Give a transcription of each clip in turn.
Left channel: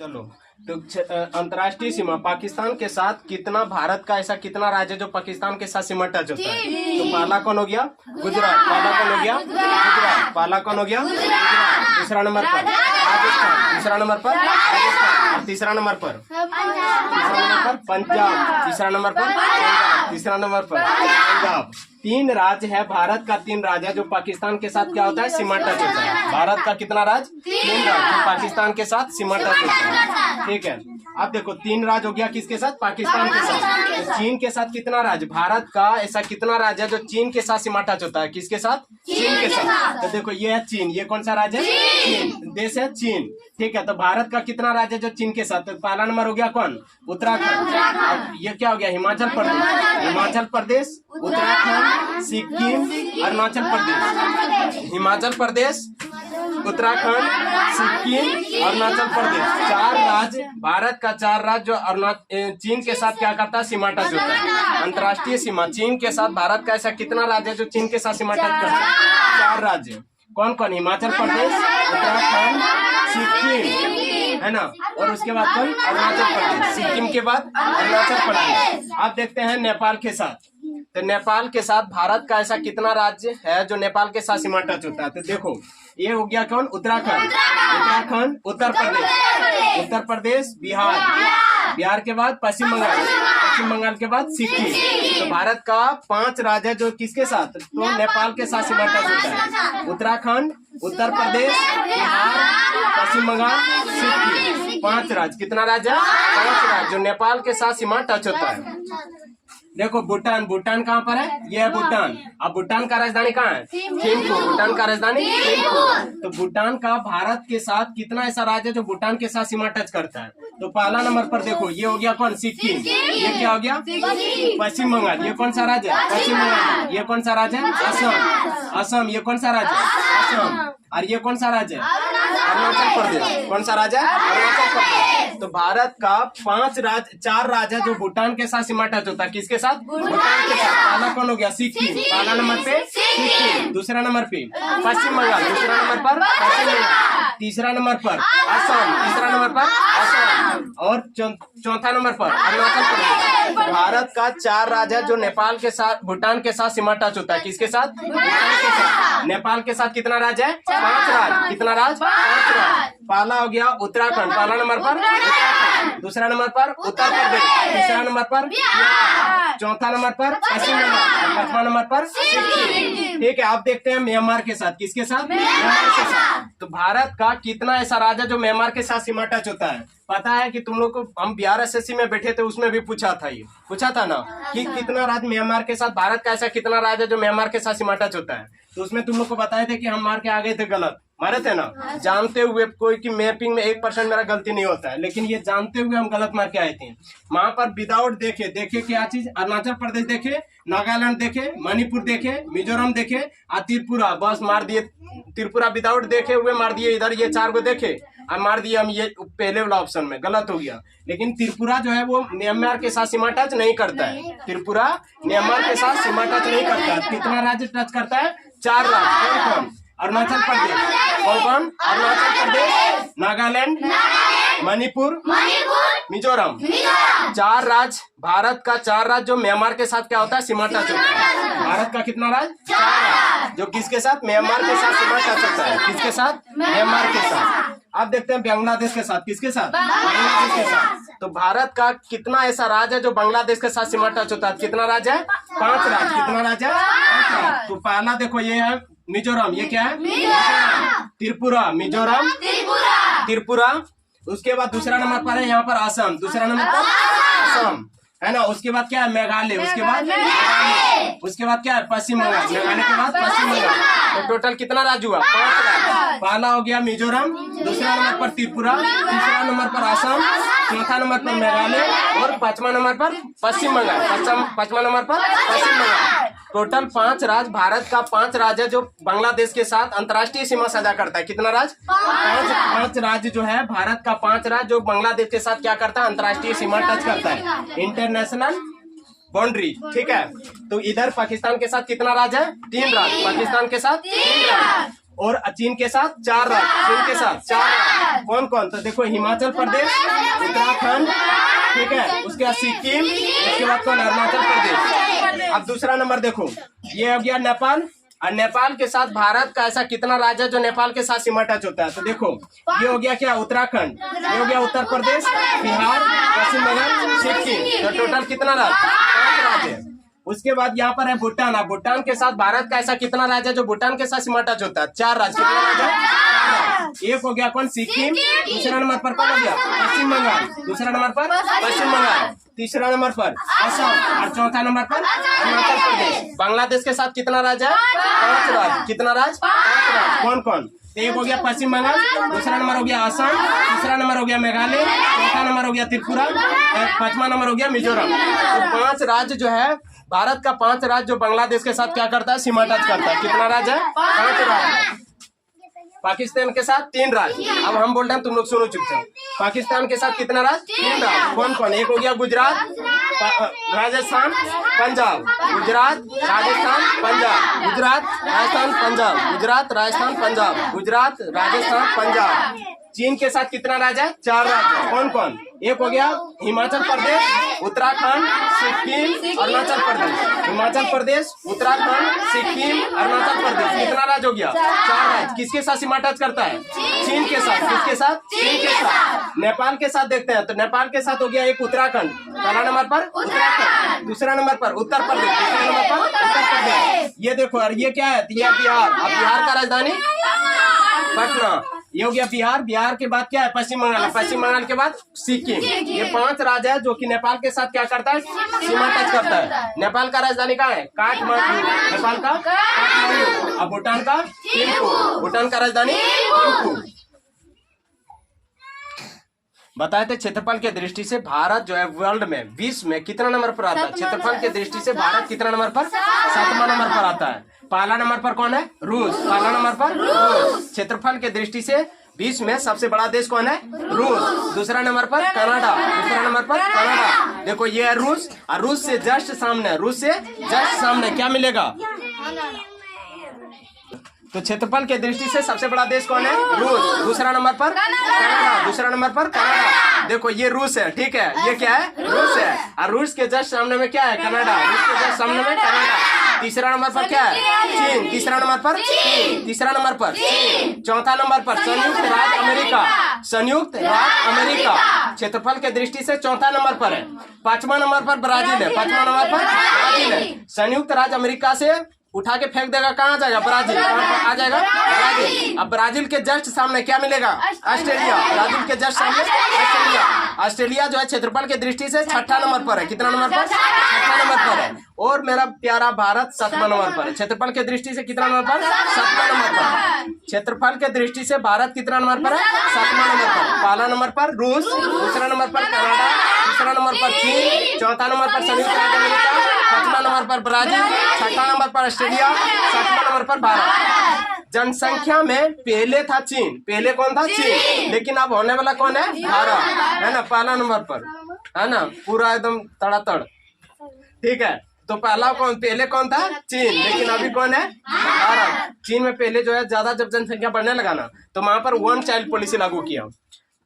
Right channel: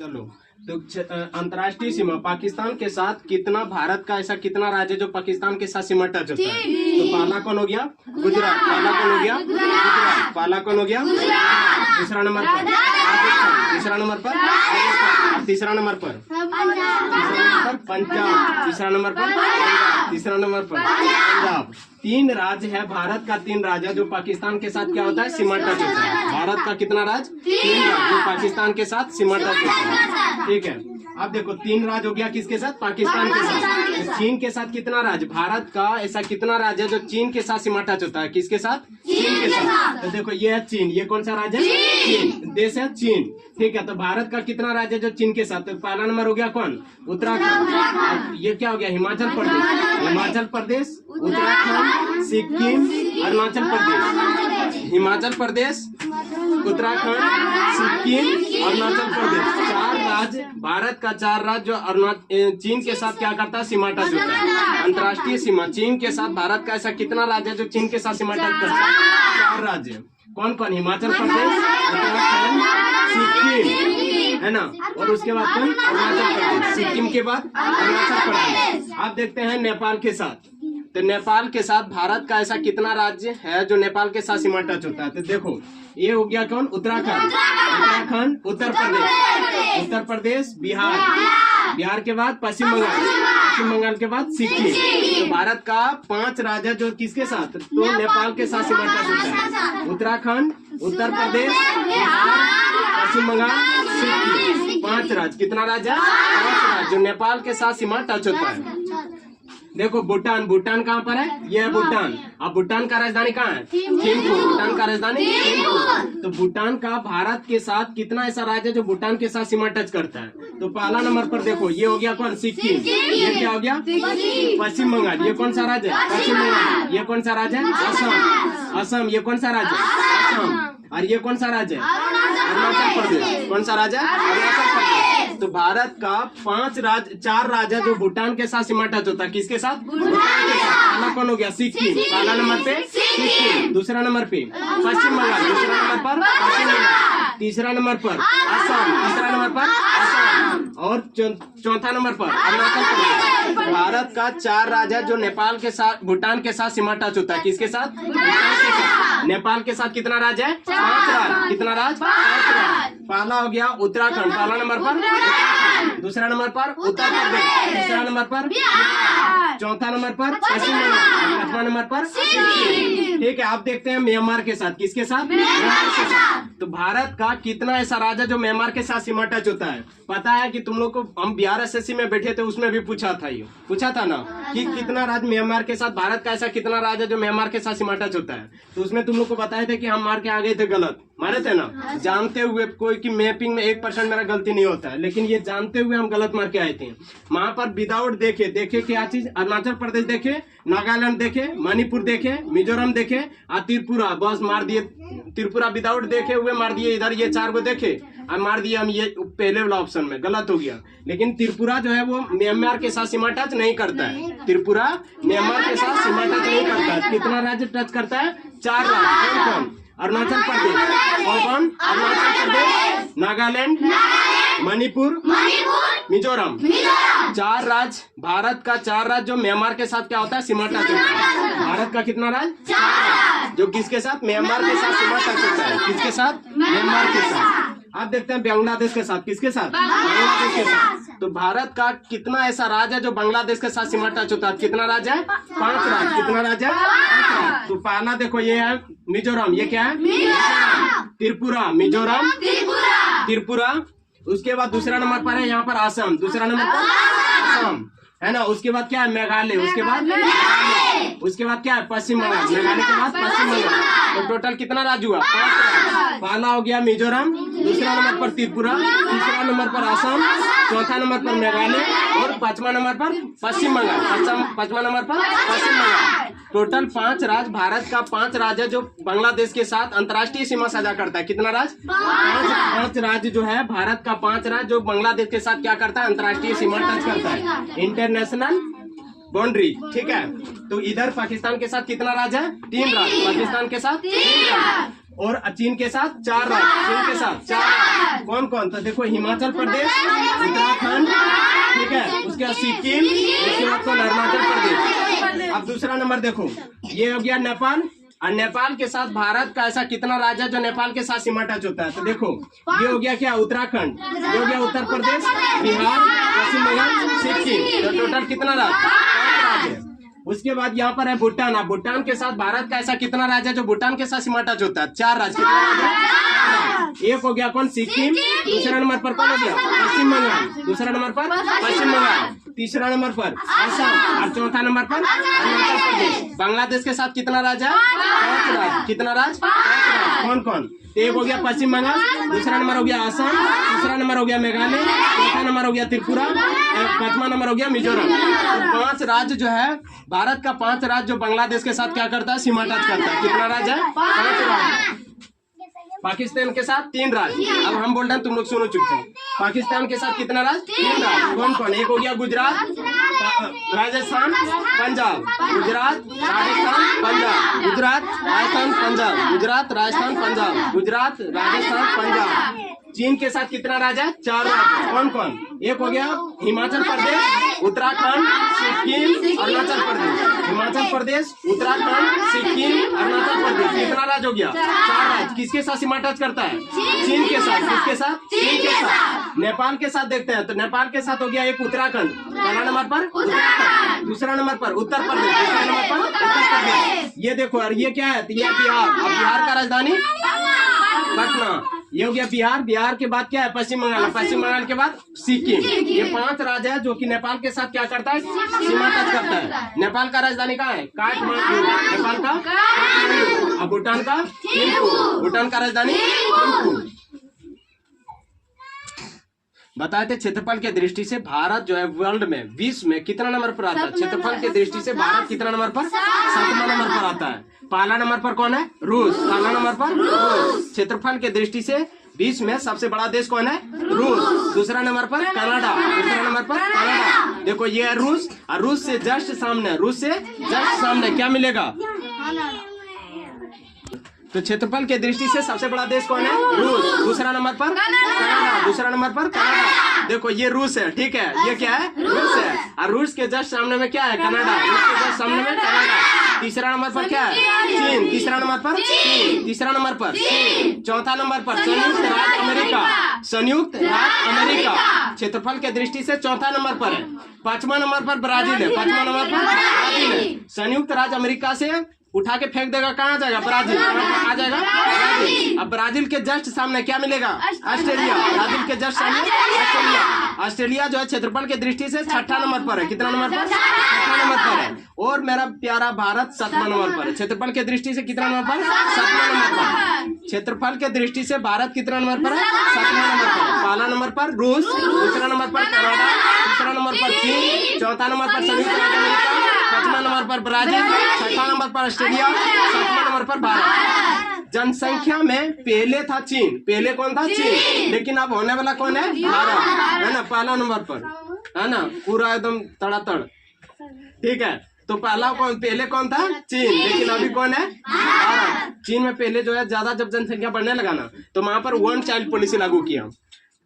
चलो तो अंतर्राष्ट्रीय सीमा पाकिस्तान के साथ कितना भारत का ऐसा कितना राज्य जो पाकिस्तान के साथ सीमा टच होता है। तो पहला कौन हो गया? गुजरात। पहला कौन हो गया? गुजरात। पहला कौन हो गया? दूसरा नंबर पर राजस्थान। दूसरा नंबर पर राजस्थान। तीसरा नंबर पर पंजाब। तीसरा नंबर पर तीसरा नंबर पर पंजाब। 3 राज्य है भारत का, 3 राज्य जो पाकिस्तान के साथ क्या होता है सीमा टच होता है। भारत का कितना राज्य? 3 राज्य जो पाकिस्तान के साथ सीमा टच होता है। ठीक है, अब देखो 3 राज्य हो गया किसके साथ? पाकिस्तान के साथ। तो चीन के साथ कितना राज्य? भारत का ऐसा कितना राज्य है जो चीन के साथ सीमा टच होता है? किसके साथ? चीन के साथ। तो देखो ये है चीन। ये कौन सा राज्य है? चीन। देश है चीन। ठीक है, तो भारत का कितना राज्य है जो चीन के साथ? तो पहला नंबर हो गया कौन? उत्तराखंड। ये क्या हो गया? हिमाचल प्रदेश। हिमाचल प्रदेश, उत्तराखंड, सिक्किम, अरुणाचल प्रदेश। हिमाचल प्रदेश, उत्तराखंड, सिक्किम, अरुणाचल प्रदेश। 4 राज्य भारत का, 4 राज्य जो चीन के साथ क्या करता है? सीमा टच होता है। अंतर्राष्ट्रीय सीमा चीन के साथ भारत का ऐसा कितना राज्य है जो चीन के साथ सीमा टच करता है? 4 राज्य। कौन कौन? हिमाचल प्रदेश, उत्तराखंड, सिक्किम, है ना, और उसके बाद कौन? अरुणाचल प्रदेश। सिक्किम के बाद अरुणाचल प्रदेश। आप देखते हैं नेपाल के साथ। तो नेपाल के साथ भारत का ऐसा कितना राज्य है जो नेपाल के साथ सीमा टच होता है? तो देखो ये हो गया कौन? उत्तराखंड। उत्तराखंड, उत्तर प्रदेश, उत्तर प्रदेश, बिहार, बिहार के बाद पश्चिम बंगाल, पश्चिम बंगाल के बाद सिक्किम। तो भारत का 5 राज्य जो किसके साथ? तो नेपाल के साथ सीमा टच होता है। उत्तराखंड, उत्तर प्रदेश, बिहार, पश्चिम बंगाल, सिक्किम। 5 राज्य। कितना राज्य? 5 राज्य जो नेपाल के साथ सीमा टच होता है। देखो भूटान। भूटान कहाँ पर है? ये है भूटान। अब भूटान का राजधानी कहाँ है? थिम्पू। भूटान का राजधानी थिम्पू। तो भूटान का भारत के साथ कितना ऐसा राज्य है जो भूटान के साथ सीमा टच करता है? तो पहला नंबर पर देखो ये हो गया कौन? सिक्किम। ये क्या हो गया? पश्चिम बंगाल। ये कौन सा राज्य है? पश्चिम बंगाल। ये कौन सा राज्य है? असम। असम। ये कौन सा राज्य है? असम। और ये कौन सा राज्य है? अरुणाचल प्रदेश। कौन सा राज्य है? अरुणाचल प्रदेश। तो भारत का 4 राज्य जो भूटान के साथ सीमा टच होता है। किसके साथ? भूटान के साथ। पहला कौन हो गया? सिक्किम। पहला नंबर पे सिक्किम। दूसरा नंबर पे पश्चिम बंगाल। दूसरा नंबर पर पश्चिम बंगाल। तीसरा नंबर पर असम। तीसरा नंबर पर असम। और चौथा नंबर पर अरुणाचल प्रदेश। भारत का 4 राज्य जो नेपाल के साथ, भूटान के साथ सीमा टच होता है। किसके साथ? भूटान के साथ। नेपाल के साथ कितना राज्य है? 5 राज्य। कितना राज्य? 5 राज्य। पहला हो गया उत्तराखंड। पहला नंबर पर उत्तराखंड। दूसरा नंबर पर उत्तर प्रदेश। तीसरा नंबर पर बिहार। चौथा नंबर पर पश्चिम बंगाल। 5वां नंबर पर सिक्किम। ठीक है, आप देखते हैं म्यांमार के साथ। किसके साथ? म्यांमार के साथ। तो भारत का कितना ऐसा राज्य जो म्यांमार के साथ सीमा टच होता है? पता है कि तुम लोग को हम बिहार एसएससी में बैठे थे, उसमें भी पूछा था, ये पूछा था ना कि कितना राज्य म्यांमार के साथ, भारत का ऐसा कितना राज्य जो म्यांमार के साथ सीमा टच होता है। तो उसमें तुम लोग को बताए थे कि हम मार के आ गए थे गलत, मारे थे ना, जानते हुए। कोई की मैपिंग में 1% मेरा गलती नहीं होता है, लेकिन ये जानते हुए हम गलत मार के आए थे। वहां पर विदाउट देखे क्या चीज? अरुणाचल प्रदेश देखे, नागालैंड देखे, मणिपुर देखे, मिजोरम देखे और त्रिपुरा, बस मार दिए। त्रिपुरा विदाउट देखे हुए मार दिए। इधर ये 4 को देखे और मार दिए हम, ये पहले वाला ऑप्शन में गलत हो गया। लेकिन त्रिपुरा जो है वो म्यांमार के साथ सीमा टच नहीं करता है। त्रिपुरा म्यांमार के साथ सीमा टच नहीं करता है। कितना राज्य टच करता है? 4 राज्य। कौन? अरुणाचल प्रदेश। कौन? अरुणाचल प्रदेश, नागालैंड, मणिपुर, मिजोरम। 4 राज्य भारत का, 4 राज्य जो म्यांमार के साथ क्या होता है? सीमा टच होता है। भारत का कितना राज्य? 4 राज्य जो किसके साथ? म्यांमार के साथ सीमा टच होता है। किसके साथ? म्यांमार के साथ। आप देखते हैं बांग्लादेश के साथ। किसके साथ? बांग्लादेश के साथ। तो भारत का कितना ऐसा राज्य है जो बांग्लादेश के साथ सीमा टच होता है? कितना राज्य है? 5 राज्य। कितना राज्य है? 5 राज्य। तो पहला देखो ये है मिजोरम। ये क्या है? त्रिपुरा। मिजोरम, त्रिपुरा। उसके बाद दूसरा नंबर पर है यहाँ पर असम। दूसरा नंबर पर असम, है ना। उसके बाद क्या है? मेघालय। उसके बाद मेघालय। उसके बाद क्या है? पश्चिम बंगाल। मेघालय के बाद पश्चिम बंगाल। तो टोटल कितना राज्य हुआ? 5 राज्य। पहला हो गया मिजोरम, दूसरा नंबर पर त्रिपुरा, तीसरा नंबर पर असम, चौथा नंबर पर मेघालय और 5वां नंबर पर पश्चिम बंगाल। 5वां नंबर पर पश्चिम बंगाल। टोटल 5 राज्य, भारत का 5 राज्य जो बांग्लादेश के साथ अंतर्राष्ट्रीय सीमा साझा करता है। कितना राज्य? 5 राज्य जो है भारत का, 5 राज्य जो बांग्लादेश के साथ क्या करता है? अंतर्राष्ट्रीय सीमा टच करता है, इंटरनेशनल बाउंड्री। ठीक है, तो इधर पाकिस्तान के साथ कितना राज्य है? 3 राज्य। पाकिस्तान के साथ 3 राज्य। और चीन के साथ 4 राज्य, चीन के साथ 4 राज्य। कौन कौन? तो देखो हिमाचल प्रदेश, उत्तराखंड, ठीक है, उसके बाद सिक्किम, उसके बाद कौन? अरुणाचल प्रदेश। अब दूसरा नंबर देखो, ये हो गया नेपाल, और नेपाल के साथ भारत का ऐसा कितना राज्य है जो नेपाल के साथ सीमा टच होता है? तो देखो ये हो गया क्या? उत्तराखंड, ये हो गया उत्तर प्रदेश, बिहार, पश्चिम बंगाल, सिक्किम। तो टोटल कितना राज्य? 5 राज्य। उसके बाद यहाँ पर है भूटान। अब भूटान के साथ भारत का ऐसा कितना राज्य है जो भूटान के साथ सीमा टच होता है? 4 राज्य। कितना राज्य? एक हो गया कौन? सिक्किम। दूसरा नंबर पर कौन हो गया? पश्चिम बंगाल। दूसरा नंबर पर पश्चिम बंगाल। तीसरा नंबर पर असम, और चौथा नंबर पर अरुणाचल प्रदेश। बांग्लादेश के साथ कितना राज्य है? 5 राज्य। कितना राज्य? 5 राज्य। कौन कौन? एक हो गया पश्चिम बंगाल, दूसरा नंबर हो गया असम, तीसरा नंबर हो गया मेघालय, चौथा नंबर हो गया त्रिपुरा, और 5वां नंबर हो गया मिजोरम। तो 5 राज्य जो है, भारत का 5 राज्य जो बांग्लादेश के साथ क्या करता है? सीमा टच करता है। कितना राज्य है? 5 राज्य। पाकिस्तान के साथ 3 राज्य। अब हम बोल रहे हैं, तुम लोग सुनो चुपचाप। पाकिस्तान के साथ कितना राज्य? 3 राज्य। कौन कौन? एक हो गया गुजरात, राजस्थान, पंजाब। गुजरात, राजस्थान, पंजाब। गुजरात, राजस्थान, पंजाब। गुजरात, राजस्थान, पंजाब। गुजरात, राजस्थान, पंजाब। चीन के साथ कितना राज्य है? 4 राज्य। कौन कौन? एक हो गया हिमाचल प्रदेश, उत्तराखंड, सिक्किम, अरुणाचल प्रदेश। हिमाचल प्रदेश, उत्तराखंड, सिक्किम, अरुणाचल प्रदेश। कितना राज्य हो गया? 4 राज्य। किसके साथ सीमा टच करता है? चीन के साथ। किसके साथ? चीन के साथ। नेपाल के साथ देखते हैं, तो नेपाल के साथ हो गया एक उत्तराखंड। पहला नंबर पर उत्तराखंड, दूसरा नंबर पर उत्तर प्रदेश, तीसरा नंबर पर उत्तर प्रदेश। ये देखो यार, ये क्या है? ये बिहार। अब बिहार का राजधानी पटना। ये हो गया बिहार। बिहार के बाद क्या है? पश्चिम बंगाल। पश्चिम बंगाल के बाद सिक्किम। ये 5 राज्य है जो कि नेपाल के साथ क्या करता है? सीमा टच करता है। नेपाल का राजधानी कहाँ है? काठमांडू। नेपाल का काठमांडू। अब भूटान का थिम्पू। भूटान का राजधानी थिम्पू। बताए थे क्षेत्रफल के दृष्टि से भारत जो है वर्ल्ड में, विश्व में कितना नंबर पर आता है? क्षेत्रफल के दृष्टि से भारत कितना नंबर पर? 7वां नंबर पर आता है। पहला नंबर पर कौन है? रूस। पहला नंबर पर रूस। क्षेत्रफल के दृष्टि से विश्व में सबसे बड़ा देश कौन है? रूस। दूसरा नंबर पर कनाडा। दूसरा नंबर पर कनाडा। देखो ये है रूस, और रूस से जस्ट सामने, रूस से जस्ट सामने क्या मिलेगा? तो क्षेत्रफल के दृष्टि से सबसे बड़ा देश कौन है? रूस। दूसरा नंबर पर कनाडा। दूसरा नंबर पर कनाडा। देखो ये रूस है, ठीक है, ये क्या है? रूस है, और रूस के जस्ट सामने में क्या है? कनाडा। रूस के जस्ट सामने में कनाडा। तीसरा नंबर पर क्या है? चीन। तीसरा नंबर पर चीन। तीसरा नंबर पर चीन। चौथा नंबर पर संयुक्त राज्य अमेरिका। संयुक्त राज्य अमेरिका क्षेत्रफल के दृष्टि से चौथा नंबर पर है। 5वां नंबर पर ब्राजील है। 5वां नंबर पर ब्राजील है। संयुक्त राज्य अमेरिका से उठा के फेंक देगा, कहाँ जाएगा? ब्राजील। आ जाएगा ब्राजील। अब ब्राजील के जस्ट सामने क्या मिलेगा? ऑस्ट्रेलिया। ब्राजील के जस्ट सामने ऑस्ट्रेलिया। ऑस्ट्रेलिया जो है क्षेत्रफल के दृष्टि से 6ठा नंबर पर है। कितना नंबर पर? 6ठा नंबर पर है। और मेरा प्यारा भारत 7वां नंबर पर है। क्षेत्रफल के दृष्टि से कितना नंबर पर? 7वां नंबर पर। क्षेत्रफल के दृष्टि से भारत कितना नंबर पर है? 7वां नंबर पर। पहला नंबर पर रूस, दूसरा नंबर पर कनाडा, तीसरा नंबर पर चीन, चौथा नंबर पर संयुक्त राज्य अमेरिका, 5वां नंबर पर ब्राजील, 6वां नंबर पर ऑस्ट्रेलिया, 7वां नंबर पर भारत। जनसंख्या में पहले था चीन। पहले कौन था? चीन। लेकिन अब होने वाला कौन है? भारत, है ना, पहला नंबर पर, है ना, पूरा एकदम तड़ातड़, ठीक है। तो पहले कौन था? चीन। लेकिन अभी कौन है? भारत। चीन में पहले जो है ज्यादा जब जनसंख्या बढ़ने लगा ना, तो वहां पर 1 चाइल्ड पॉलिसी लागू किया,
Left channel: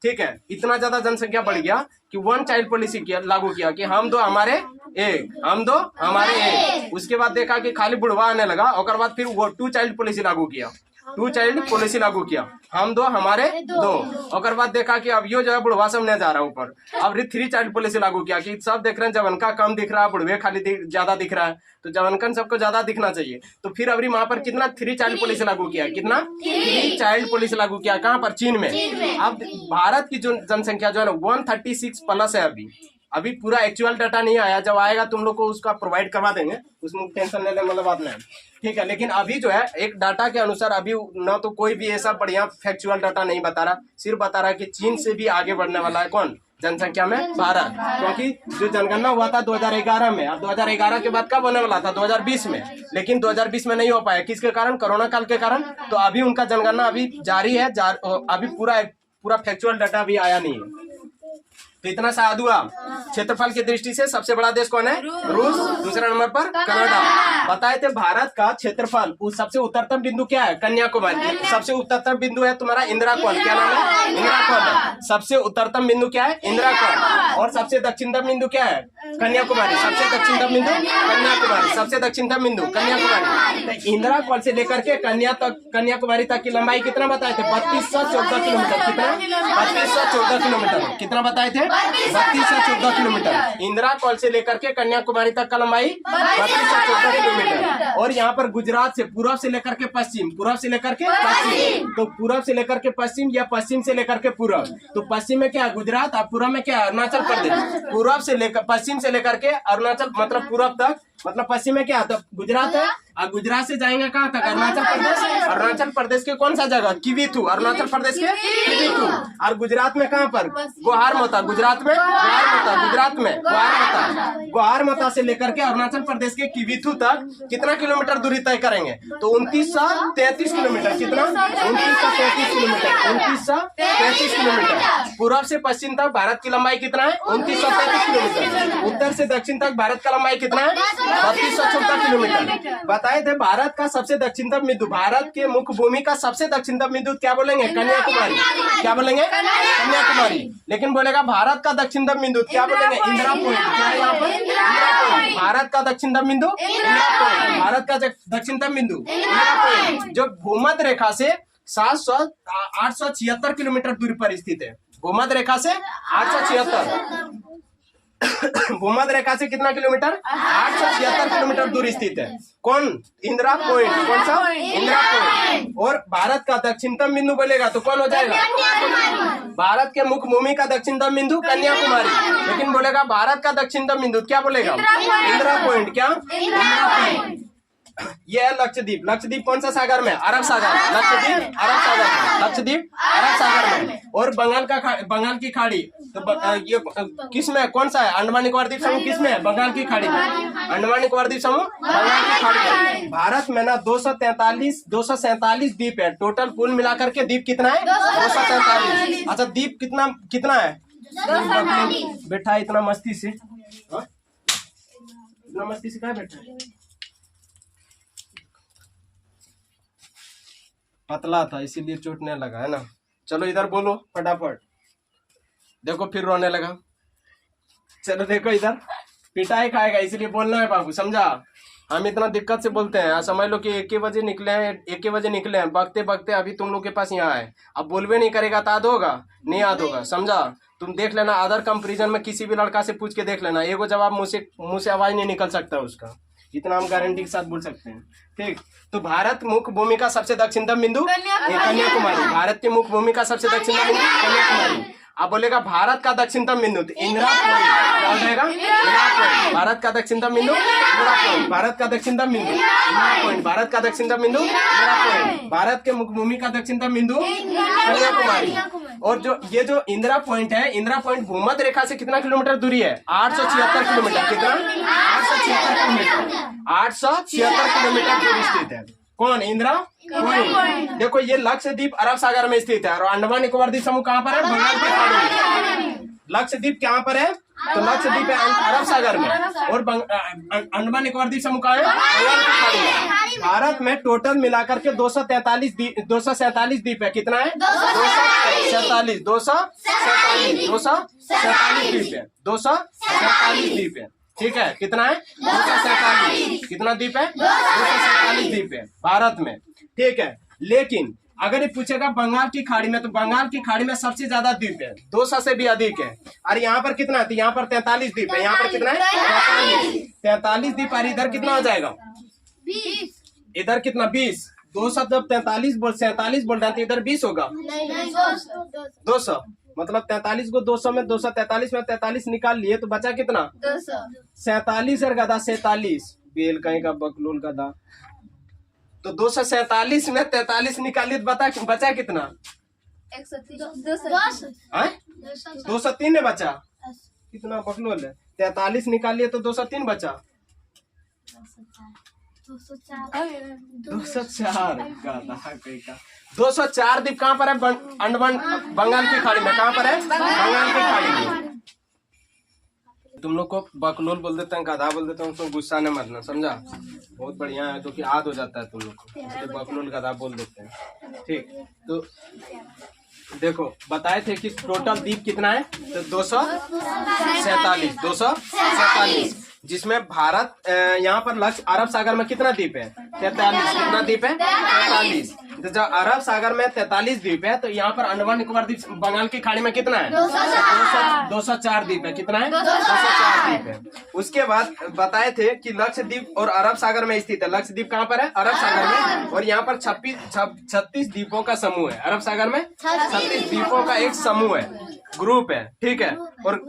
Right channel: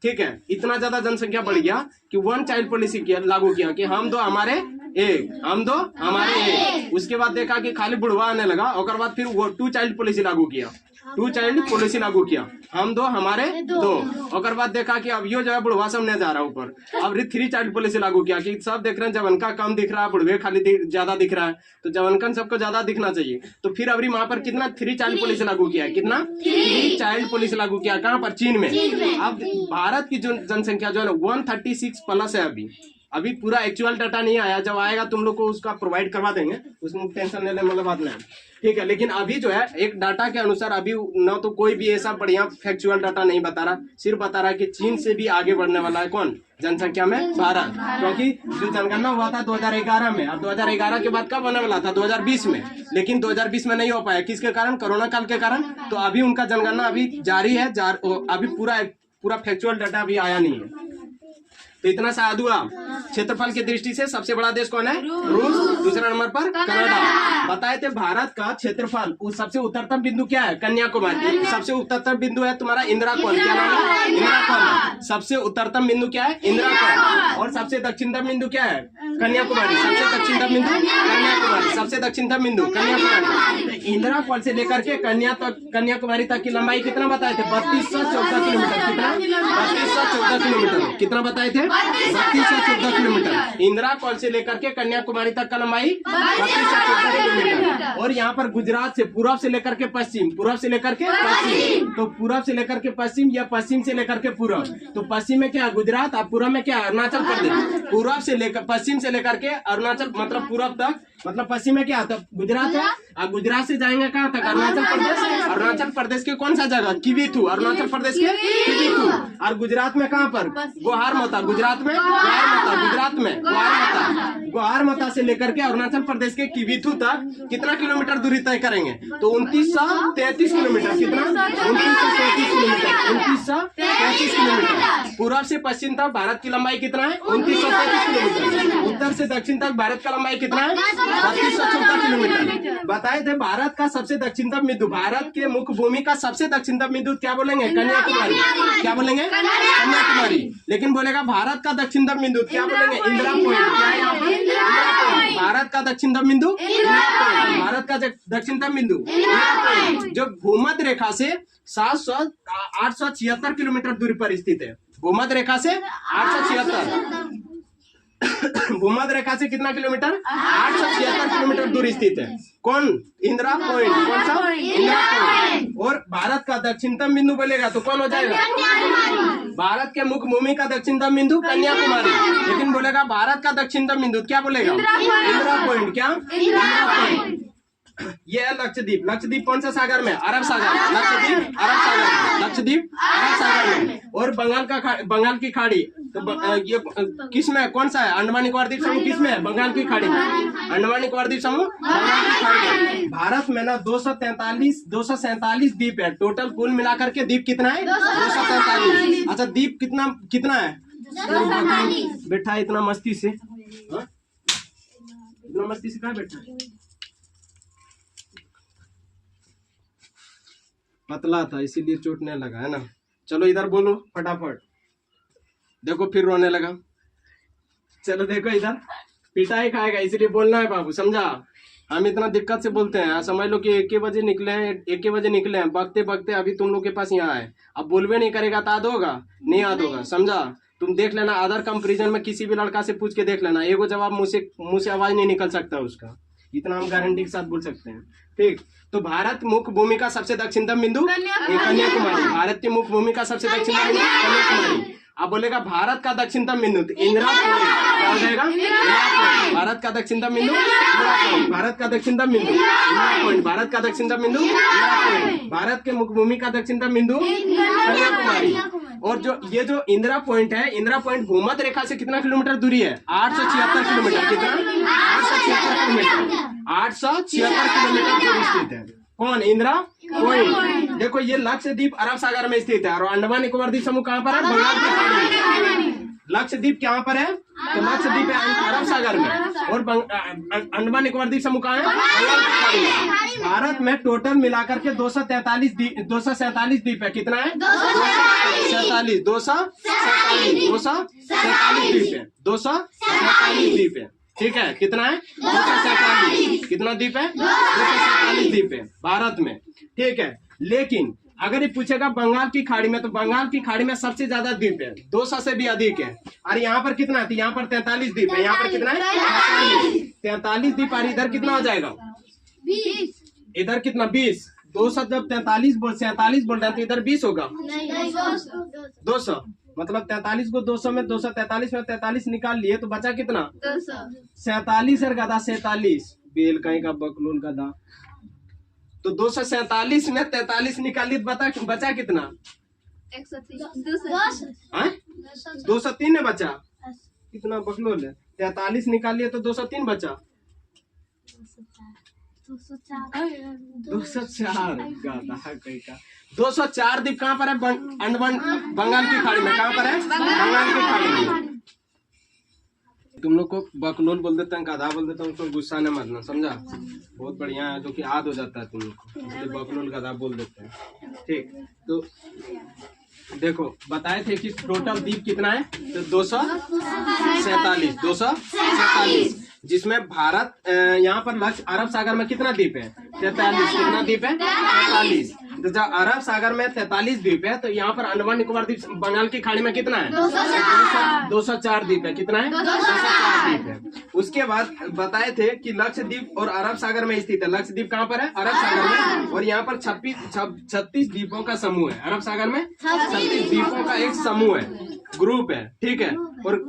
ठीक है। इतना ज्यादा जनसंख्या बढ़ गया कि 1 चाइल्ड पॉलिसी लागू किया कि हम 2 हमारे एक, हम 2 हमारे एक। उसके बाद देखा कि खाली बुढ़वा आने लगा, और बाद फिर वो 2 चाइल्ड पॉलिसी लागू किया। 2 चाइल्ड पॉलिसी लागू किया, हम 2 हमारे 2। और बाद देखा कि अब यो जो है बुढ़वा सब नहीं जा रहा ऊपर, अब 3 चाइल्ड पॉलिसी लागू किया कि सब देख रहे हैं जवान का कम दिख रहा है, बुढ़वे खाली ज्यादा दिख रहा है, तो जवानकन सबको ज्यादा दिखना चाहिए। तो फिर अभी वहां पर कितना 3 चाइल्ड पॉलिसी लागू किया, कितना 3 चाइल्ड पॉलिसी लागू किया। कहाँ पर? चीन में। अब भारत की जो जनसंख्या जो है ना 136 प्लस है। अभी पूरा एक्चुअल डाटा नहीं आया, जब आएगा तुम लोग को उसका प्रोवाइड करवा देंगे, उसमें टेंशन लेने वाला बात नहीं, ठीक है। लेकिन अभी जो है एक डाटा के अनुसार अभी न तो कोई भी ऐसा बढ़िया फैक्चुअल डाटा नहीं बता रहा, सिर्फ बता रहा कि चीन से भी आगे बढ़ने वाला है कौन? जनसंख्या में भारत। क्योंकि जो जनगणना हुआ था 2011 में, और 2011 के बाद कब होने वाला था? 2020 में, लेकिन 2020 में नहीं हो पाया। किसके कारण? कोरोना काल के कारण। तो अभी उनका जनगणना अभी जारी है, अभी पूरा फैक्चुअल डाटा अभी आया नहीं है। तो इतना साद हुआ। क्षेत्रफल की दृष्टि से सबसे बड़ा देश कौन है? रूस। दूसरे नंबर पर कनाडा। बताए थे भारत का क्षेत्रफल सबसे उत्तरतम बिंदु क्या है? कन्याकुमारी। सबसे उत्तरतम बिंदु है तुम्हारा इंदिराकोल। क्या नाम है? इंदिराकोल। सबसे उत्तरतम बिंदु क्या है? इंदिराकोल। और सबसे दक्षिणतम बिंदु क्या है? कन्याकुमारी। सबसे दक्षिणतम बिंदु कन्याकुमारी। सबसे दक्षिणतम बिंदु कन्याकुमारी। इंदिराकोल से लेकर के कन्याकुमारी तक की लंबाई कितना बताए थे? 3214 किलोमीटर। कितना? 3214 किलोमीटर। कितना बताए थे? 3214 किलोमीटर। इंदिराकोल से लेकर के कन्याकुमारी तक का लंबाई 3214 किलोमीटर। और यहाँ पर गुजरात से पूर्व से लेकर के पश्चिम, पूर्व से लेकर के पश्चिम, तो पूर्व से लेकर के पश्चिम या पश्चिम से लेकर के पूर्व, तो पश्चिम में क्या है? गुजरात। और पूर्व में क्या है? अरुणाचल प्रदेश। पूर्व से लेकर पश्चिम से लेकर के अरुणाचल मतलब पूर्व तक, मतलब पश्चिम में क्या है? तो गुजरात है। और गुजरात से जाएंगे कहाँ तक? अरुणाचल प्रदेश। अरुणाचल प्रदेश के कौन सा जगह? किविथु। अरुणाचल प्रदेश के किविथु। और गुजरात में कहाँ पर? गोहारमोता। गुजरात में गोहारमोता। गुजरात में गोहारमोता। गोहारमोता से लेकर के अरुणाचल प्रदेश के किविथु तक कितना किलोमीटर दूरी तय करेंगे? तो 2933 किलोमीटर। कितना? 2933 किलोमीटर। 2933 किलोमीटर। पूर्व से पश्चिम तक भारत की लंबाई कितना है? 2933 किलोमीटर। उत्तर से दक्षिण तक भारत का लंबाई कितना है? 3214 किलोमीटर। बताए थे भारत का सबसे दक्षिणतम बिंदु, भारत के मुख्य भूमि का सबसे दक्षिणतम बिंदु क्या बोलेंगे? कन्याकुमारी। क्या बोलेंगे? कन्याकुमारी। लेकिन बोलेगा भारत का दक्षिणतम बिंदु क्या बोलेंगे? इंदिरा पॉइंट। क्या है यहाँ पर? भारत का दक्षिणतम बिंदु इंदिरा पॉइंट। भारत का दक्षिणतम बिंदु इंदिरा पॉइंट, जो भूमध्य रेखा से 876 किलोमीटर दूरी पर स्थित है। भूमध्य रेखा से 876 भूमध्य रेखा से कितना किलोमीटर? 876 किलोमीटर दूर स्थित है। कौन? इंदिरा पॉइंट। कौन सा? इंदिरा पॉइंट। और भारत का दक्षिणतम बिंदु बोलेगा तो कौन हो जाएगा? भारत के मुख्य भूमि का दक्षिणतम बिंदु कन्याकुमारी। लेकिन बोलेगा भारत का दक्षिणतम बिंदु क्या बोलेगा? इंदिरा पॉइंट। क्या? इंदिरा पॉइंट। ये है लक्षद्वीप। लक्षद्वीप कौन सा सागर में? अरब सागर। लक्षद्वीप अरब सागर में। लक्षद्वीप अरब सागर में। और बंगाल की खाड़ी तो ये किस में? कौन सा है? अंडमान निकोबार द्वीप समूह किस में है? बंगाल की खाड़ी में। अंडमान निकोबार द्वीप समूह बंगाल की खाड़ी में। भारत में ना 247 द्वीप है टोटल। कुल मिलाकर के द्वीप कितना है? 247। अच्छा द्वीप कितना है? बैठा इतना मस्ती से, इतना मस्ती से कहाँ बैठा? पतला था इसीलिए चोटने लगा है ना। चलो इधर बोलो फटाफट। देखो फिर रोने लगा। चलो देखो इधर पिटाई खाएगा इसलिए बोलना है बाबू, समझा? हम इतना दिक्कत से बोलते हैं। समझ लो कि 1 बजे निकले हैं, बगते बगते अभी तुम लोग के पास यहाँ है। अब बोलवे नहीं करेगा तो याद होगा? नहीं याद होगा, समझा? तुम देख लेना अदर कंपेरिजन में किसी भी लड़का से पूछ के देख लेना, एगो जवाब मुंह से आवाज नहीं निकल सकता उसका। इतना हम गारंटी के साथ बोल सकते हैं। ठीक, तो भारत मुख्य भूमि का सबसे दक्षिणतम बिंदु कन्याकुमारी। भारत के मुख्य भूमि का सबसे दक्षिणतम बिंदु कन्याकुमारी। अब बोलेगा भारत का दक्षिणतम बिंदु तो इंदिरा पॉइंट। भारत का दक्षिणतम बिंदु इंदिरा पॉइंट। भारत का दक्षिणतम बिंदु इंदिरा पॉइंट। भारत का दक्षिणतम बिंदु इंदिरा पॉइंट। भारत के मुख्य भूमि का दक्षिणतम बिंदु कन्याकुमारी। और जो इंदिरा पॉइंट है, इंदिरा पॉइंट भूमध्य रेखा से कितना किलोमीटर दूरी है? 876 किलोमीटर। कितना? 876 किलोमीटर। 876 किलोमीटर दूरी स्थित है। कौन? इंदिरा पॉइंट। देखो ये लक्षद्वीप अरब सागर में स्थित है। और अंडमान निकोबार द्वीप समूह कहाँ पर है? बंगाल की खाड़ी में। लक्षद्वीप कहाँ पर है? तो लक्षद्वीप है अरब सागर में। और अंडमान निकोबार द्वीप समूह कहाँ है? बंगाल की खाड़ी में। भारत में टोटल मिलाकर के 247 द्वीप है। कितना है? 247 द्वीप है। 247 द्वीप है। ठीक है, कितना है? 247। कितना द्वीप है? 247 द्वीप है भारत में। ठीक है, लेकिन अगर ये पूछेगा बंगाल की खाड़ी में, तो बंगाल की खाड़ी में सबसे ज्यादा द्वीप है, 200 से भी अधिक है। और यहाँ पर कितना है? यहाँ पर 43 द्वीप है। यहाँ पर कितना है? 43 द्वीप। और इधर कितना हो जाएगा? 20। इधर कितना? 20। 200 जब 47 बोल रहे हैं तो इधर 20 होगा। 200 मतलब 43 को 200 में 243 में 43 निकाल लिए तो बचा कितना? 47 और गधा 47 बेल कहीं का बकलूल गधा। तो 247 में 43 निकालिए तो बचा कितना? 203 में बचा। कितना बकलूल है? 43 निकालिए तो 203 बचा। 204 204 द्वीप कहाँ पर है? बंगाल की खाड़ी में। कहाँ पर है? बंगाल की खाड़ी में। तुम लोग को बकलोल बोल देते हैं, गधा बोल देते हैं, उसको गुस्सा नहीं मरना, समझा? बहुत बढ़िया है, जो कि याद हो जाता है तुम लोग को, इसलिए बकलोल गधा बोल देते हैं। ठीक, तो देखो बताए थे कि टोटल द्वीप कितना है, तो 247, जिसमें भारत यहाँ पर लक्ष्य अरब सागर में कितना द्वीप है, 43। कितना द्वीप है, 43। तो जब अरब सागर में 43 द्वीप है, तो यहाँ पर अंडमान निकोबार द्वीप बंगाल की खाड़ी में कितना है, 204 द्वीप है। कितना है, 204 द्वीप है। उसके बाद बताए थे कि लक्षद्वीप और अरब सागर में स्थित है। लक्षद्वीप कहाँ पर है, अरब सागर में, और यहाँ पर 36 द्वीपों का समूह है। अरब सागर में 36 द्वीपों का एक समूह है, ग्रुप है, ठीक है। और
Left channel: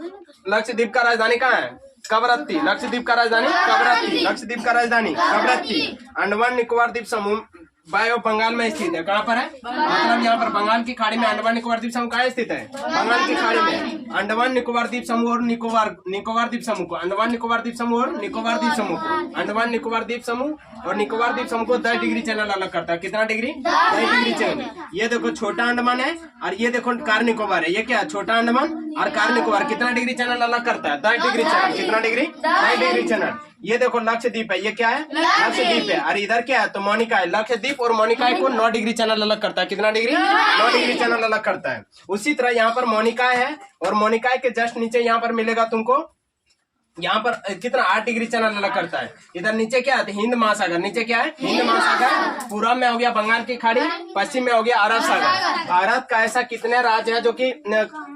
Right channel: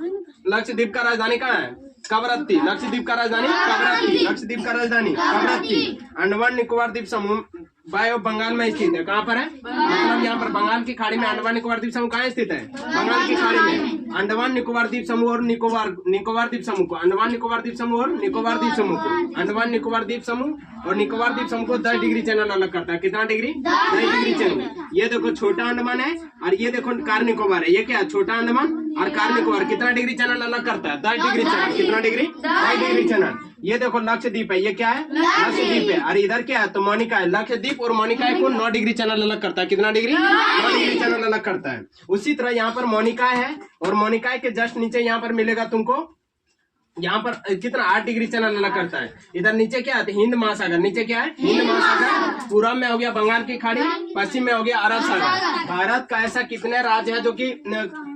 लक्षद्वीप का राजधानी कहाँ है, कवरत्ती। लक्षद्वीप का राजधानी कवरत्ती, लक्षद्वीप का राजधानी कवरत्ती। अंडमान निकोबार द्वीप समूह बाय ऑफ बंगाल में स्थित है। कहाँ पर है, मतलब यहाँ पर बंगाल की खाड़ी में अंडमान निकोबार द्वीप समूह कहाँ स्थित है, बंगाल की खाड़ी में। अंडमान निकोबार द्वीप समूह और निकोबार द्वीप समूह को, अंडमान निकोबार द्वीप समूह और निकोबार द्वीप समूह को, अंडमान निकोबार द्वीप समूह और निकोबार द्वीप समूह को 10 डिग्री चैनल अलग करता है। कितना डिग्री, 10 डिग्री चैनल। ये देखो छोटा अंडमान है और ये देखो कार निकोबार है। ये क्या है, छोटा अंडमान और कार निकोबार कितना डिग्री चैनल अलग करता है, 10 डिग्री चैनल। कितना डिग्री, 10 डिग्री चैनल। ये देखो लक्षद्वीप है, ये क्या है, लक्षद्वीप है। और इधर क्या है, तो मोनिका है। लक्षद्वीप और मोनिका को 9 डिग्री चैनल अलग करता है। कितना डिग्री, 9 डिग्री चैनल अलग करता है। उसी तरह यहाँ पर मोनिका है, और मोनिका के जस्ट नीचे यहाँ पर मिलेगा तुमको, यहाँ पर कितना 8 डिग्री चैनल अलग करता है। इधर नीचे क्या है, हिंद महासागर। नीचे क्या है, हिंद महासागर। पूरब में हो गया बंगाल की खाड़ी, पश्चिम में हो गया अरब सागर। भारत का ऐसा कितने राज्य है जो कि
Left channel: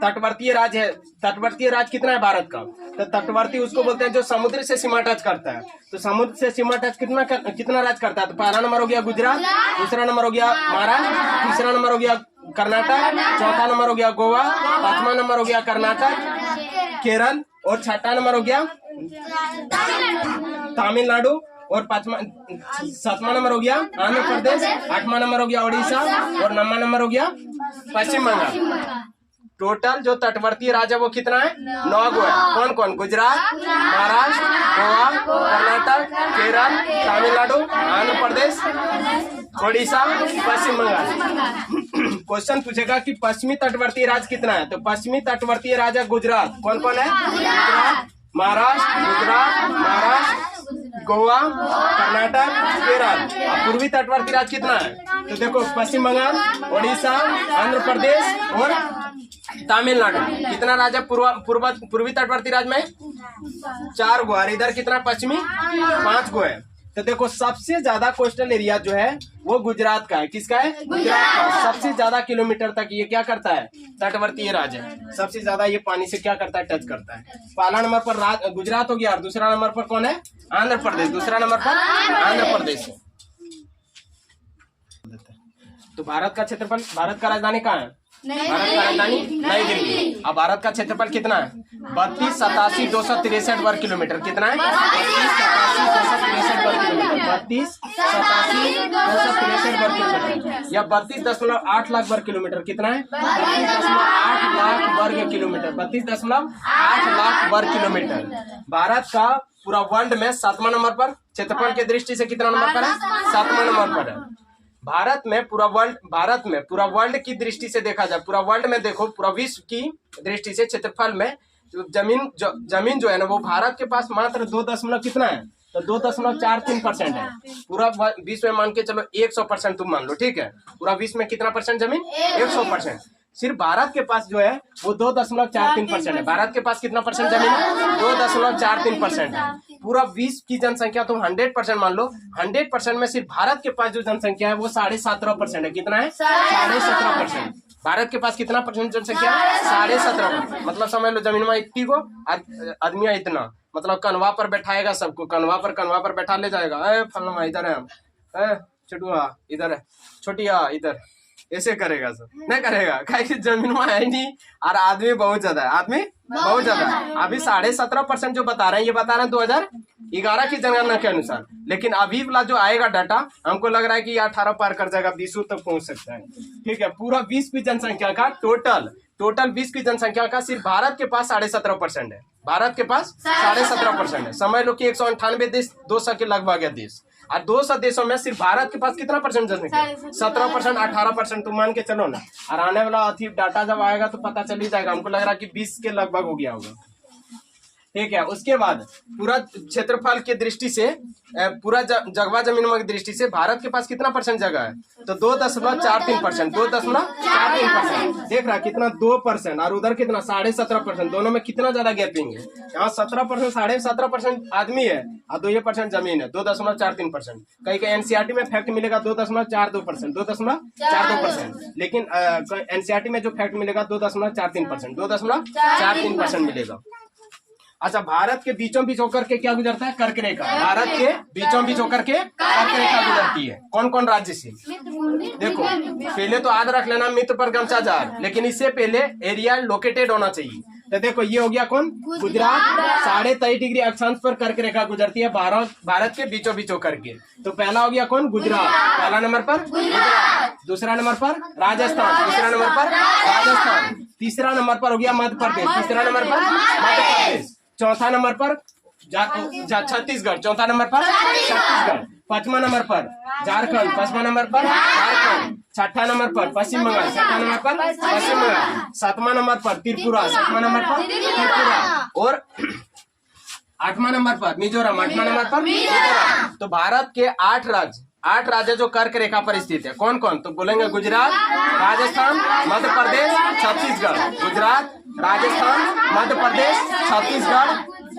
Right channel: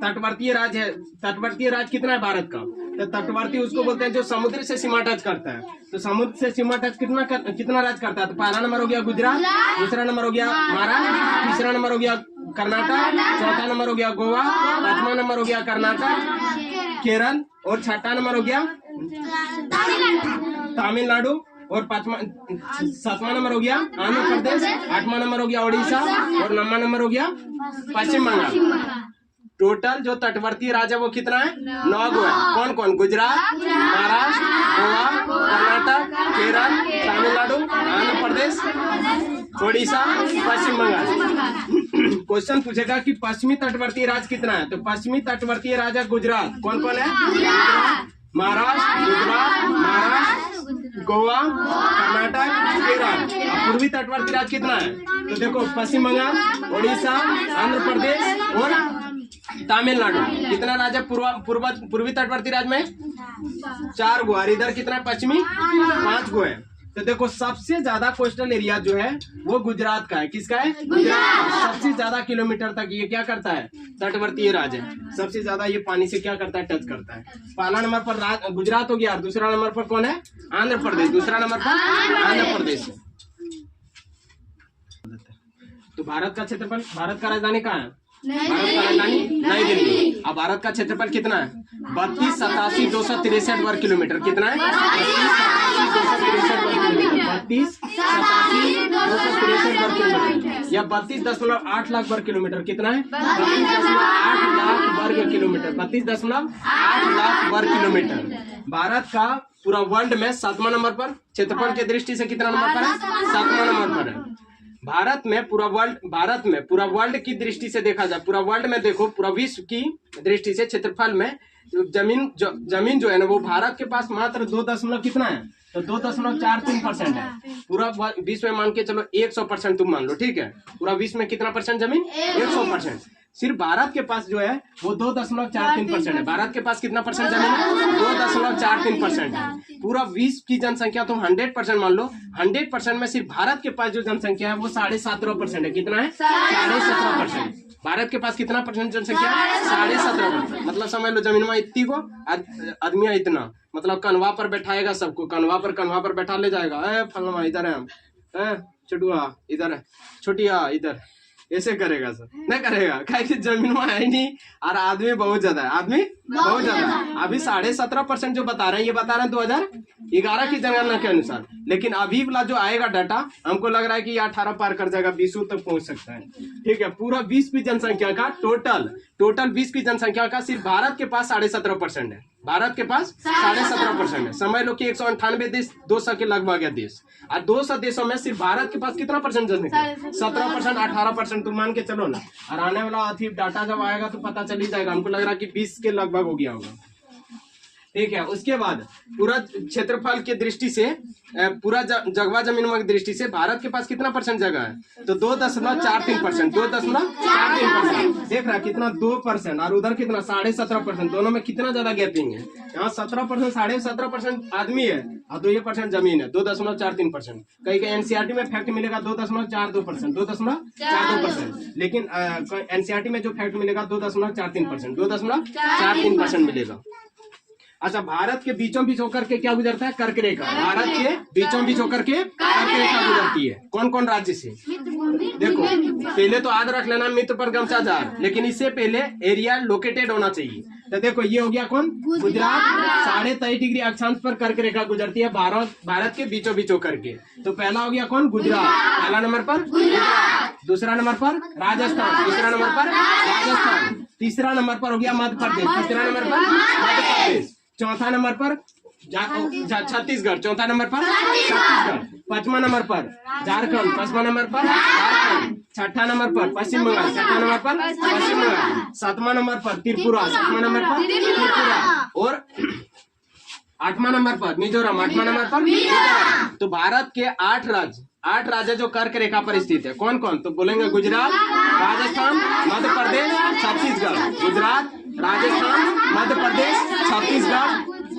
तटवर्तीय राज्य है। तटवर्तीय राज्य कितना है भारत का, तो तटवर्ती उसको बोलते हैं जो समुद्र से सीमा टच करता है। तो समुद्र से सीमा टच कितना राज्य करता है, तो पहला नंबर हो गया गुजरात, दूसरा नंबर हो गया महाराष्ट्र, तीसरा नंबर हो गया कर्नाटक, चौथा नंबर हो गया गोवा, पांचवा नंबर हो गया कर्नाटक केरल, और छठा नंबर हो गया तमिलनाडु, और सातवां नंबर हो गया आंध्र प्रदेश, 8वां नंबर हो गया उड़ीसा, और 9वां नंबर हो गया पश्चिम बंगाल। टोटल जो तटवर्ती राज्य वो कितना है, 9 गो है। कौन कौन, गुजरात, महाराष्ट्र, गोवा, कर्नाटक, केरल, तमिलनाडु, आंध्र प्रदेश, उड़ीसा, पश्चिम बंगाल। क्वेश्चन पूछेगा कि पश्चिमी तटवर्ती राज्य कितना है, तो पश्चिमी तटवर्ती राज्य गुजरात। कौन कौन है, महाराष्ट्र, गोवा, कर्नाटक, केरल। पूर्वी तटवर्ती राज्य कितना है, तो देखो पश्चिम बंगाल, उड़ीसा, आंध्र प्रदेश और तमिलनाडु। कितना राज्य पूर्वी तटवर्ती राज्य में 4 गो, और इधर कितना पश्चिमी 5 गो है। तो देखो सबसे ज्यादा कोस्टल एरिया जो है वो गुजरात का है। किसका है, गुजरात। सबसे ज्यादा किलोमीटर तक ये क्या करता है, तटवर्तीय राज्य है। सबसे ज्यादा ये पानी से क्या करता है, टच करता है। पहला नंबर पर गुजरात हो गया, और दूसरा नंबर पर कौन है, आंध्र प्रदेश। दूसरा नंबर पर आंध्र प्रदेश। तो भारत का क्षेत्रफल, भारत का राजधानी कहाँ है, राजधानी नई दिल्ली। अब भारत का क्षेत्रफल कितना है, 32,87,263 वर्ग किलोमीटर। कितना है, 32,87,263 वर्ग किलोमीटर। 32,87,263 वर्ग किलोमीटर या 32.8 लाख वर्ग किलोमीटर। कितना है, 32.8 लाख वर्ग किलोमीटर। 32.8 लाख वर्ग किलोमीटर। भारत का पूरा वर्ल्ड में 7वां नंबर पर, क्षेत्रफल की दृष्टि से कितना नंबर पर है, 7वां नंबर पर है। भारत में पूरा वर्ल्ड की दृष्टि से देखा जाए, पूरा वर्ल्ड में देखो, पूरा विश्व की दृष्टि से क्षेत्रफल में जमीन जो है ना, वो भारत के पास मात्र 2 कितना है, तो 2.43% है। पूरा विश्व में मान के चलो 100% तुम मान लो, ठीक है। पूरा विश्व में कितना परसेंट जमीन, 100%। सिर्फ भारत के पास जो है वो 2.43% है। भारत के पास कितना परसेंट जमीन है, 2.43% है। पूरा विश्व की जनसंख्या तुम 100% मान लो, 100% में सिर्फ भारत के पास जो जनसंख्या है वो 17.5% है। कितना है, 17.5%। भारत के पास कितना परसेंट जनसंख्या है, 17.5%। मतलब समझ लो जमीन में इतनी को, आदमी इतना, मतलब कन्वा पर बैठाएगा सबको, कन्वा पर बैठा ले जाएगा। फलमा इधर है, चटुआ इधर, छोटिया इधर, ऐसे करेगा सब, नहीं करेगा, क्योंकि जमीन में है नहीं और आदमी बहुत ज्यादा है, आदमी बहुत ज्यादा। अभी 17.5% जो बता रहे हैं, ये बता रहे हैं 2011 की जनगणना के अनुसार। लेकिन अभी वाला जो आएगा डाटा, हमको लग रहा है कि ये 18 पार कर जाएगा, 20 तक पहुंच सकता है, ठीक है। पूरा विश्व की जनसंख्या का टोटल विश्व की जनसंख्या का सिर्फ भारत के पास 17.5% है। भारत के पास 17.5% है। समझ लो कि 198 देश, 200 के लगभग है देश, और 200 देशों में सिर्फ भारत के पास कितना परसेंट जनसंख्या, 17%, 18% तुम मान के चलो ना। और आने वाला डाटा जब आएगा तो पता चल ही जाएगा। हमको लग रहा है कि 20 के लगभग हो गया होगा। ठीक है। उसके बाद पूरा क्षेत्रफल की दृष्टि से पूरा जगवा जमीन की दृष्टि से भारत के पास कितना % जगह है? तो 2.43%, 2.43%। देख रहा है कितना 2% और उधर कितना 17.5%। दोनों में कितना ज्यादा गैपिंग है? यहाँ 17%, 17.5% आदमी है और 2% जमीन है, 2.43%। कहीं कहीं एनसीईआरटी में फैक्ट मिलेगा 2.42%, 2.42%। लेकिन एनसीईआरटी में जो फैक्ट मिलेगा 2.43%, 2.43% मिलेगा। अच्छा, भारत के बीचों बीच होकर के क्या गुजरता है? कर्क रेखा। भारत के बीचों बीच होकर के कर्क रेखा गुजरती है। कौन कौन राज्य से? देखो, पहले तो याद रख लेना मित्र पर गमछा जार, लेकिन इससे पहले एरिया लोकेटेड होना चाहिए। तो देखो ये हो गया कौन? गुजरात। 23.5 डिग्री अक्षांश पर कर्क रेखा गुजरती है भारत के बीचों बीच होकर के। तो पहला हो गया कौन? गुजरात। पहला नंबर पर गुजरात, दूसरा नंबर पर राजस्थान, तीसरा नंबर पर राजस्थान, तीसरा नंबर पर हो गया मध्य प्रदेश, तीसरा नंबर पर मध्य प्रदेश, चौथा नंबर पर छत्तीसगढ़, चौथा नंबर पर छत्तीसगढ़, पांचवा नंबर पर झारखंड, पांचवा नंबर पर झारखंड, छठा नंबर पर पश्चिम बंगाल, छठा नंबर पर पश्चिम बंगाल, सातवां नंबर पर त्रिपुरा, सातवां नंबर पर त्रिपुरा, और 8वां नंबर पर मिजोरम, 8वां नंबर पर मिजोरम। तो भारत के 8 राज्य जो कर्क रेखा पर स्थित है। कौन कौन? तो बोलेंगे गुजरात, राजस्थान, मध्य प्रदेश, छत्तीसगढ़। गुजरात, राजस्थान, मध्य प्रदेश, छत्तीसगढ़,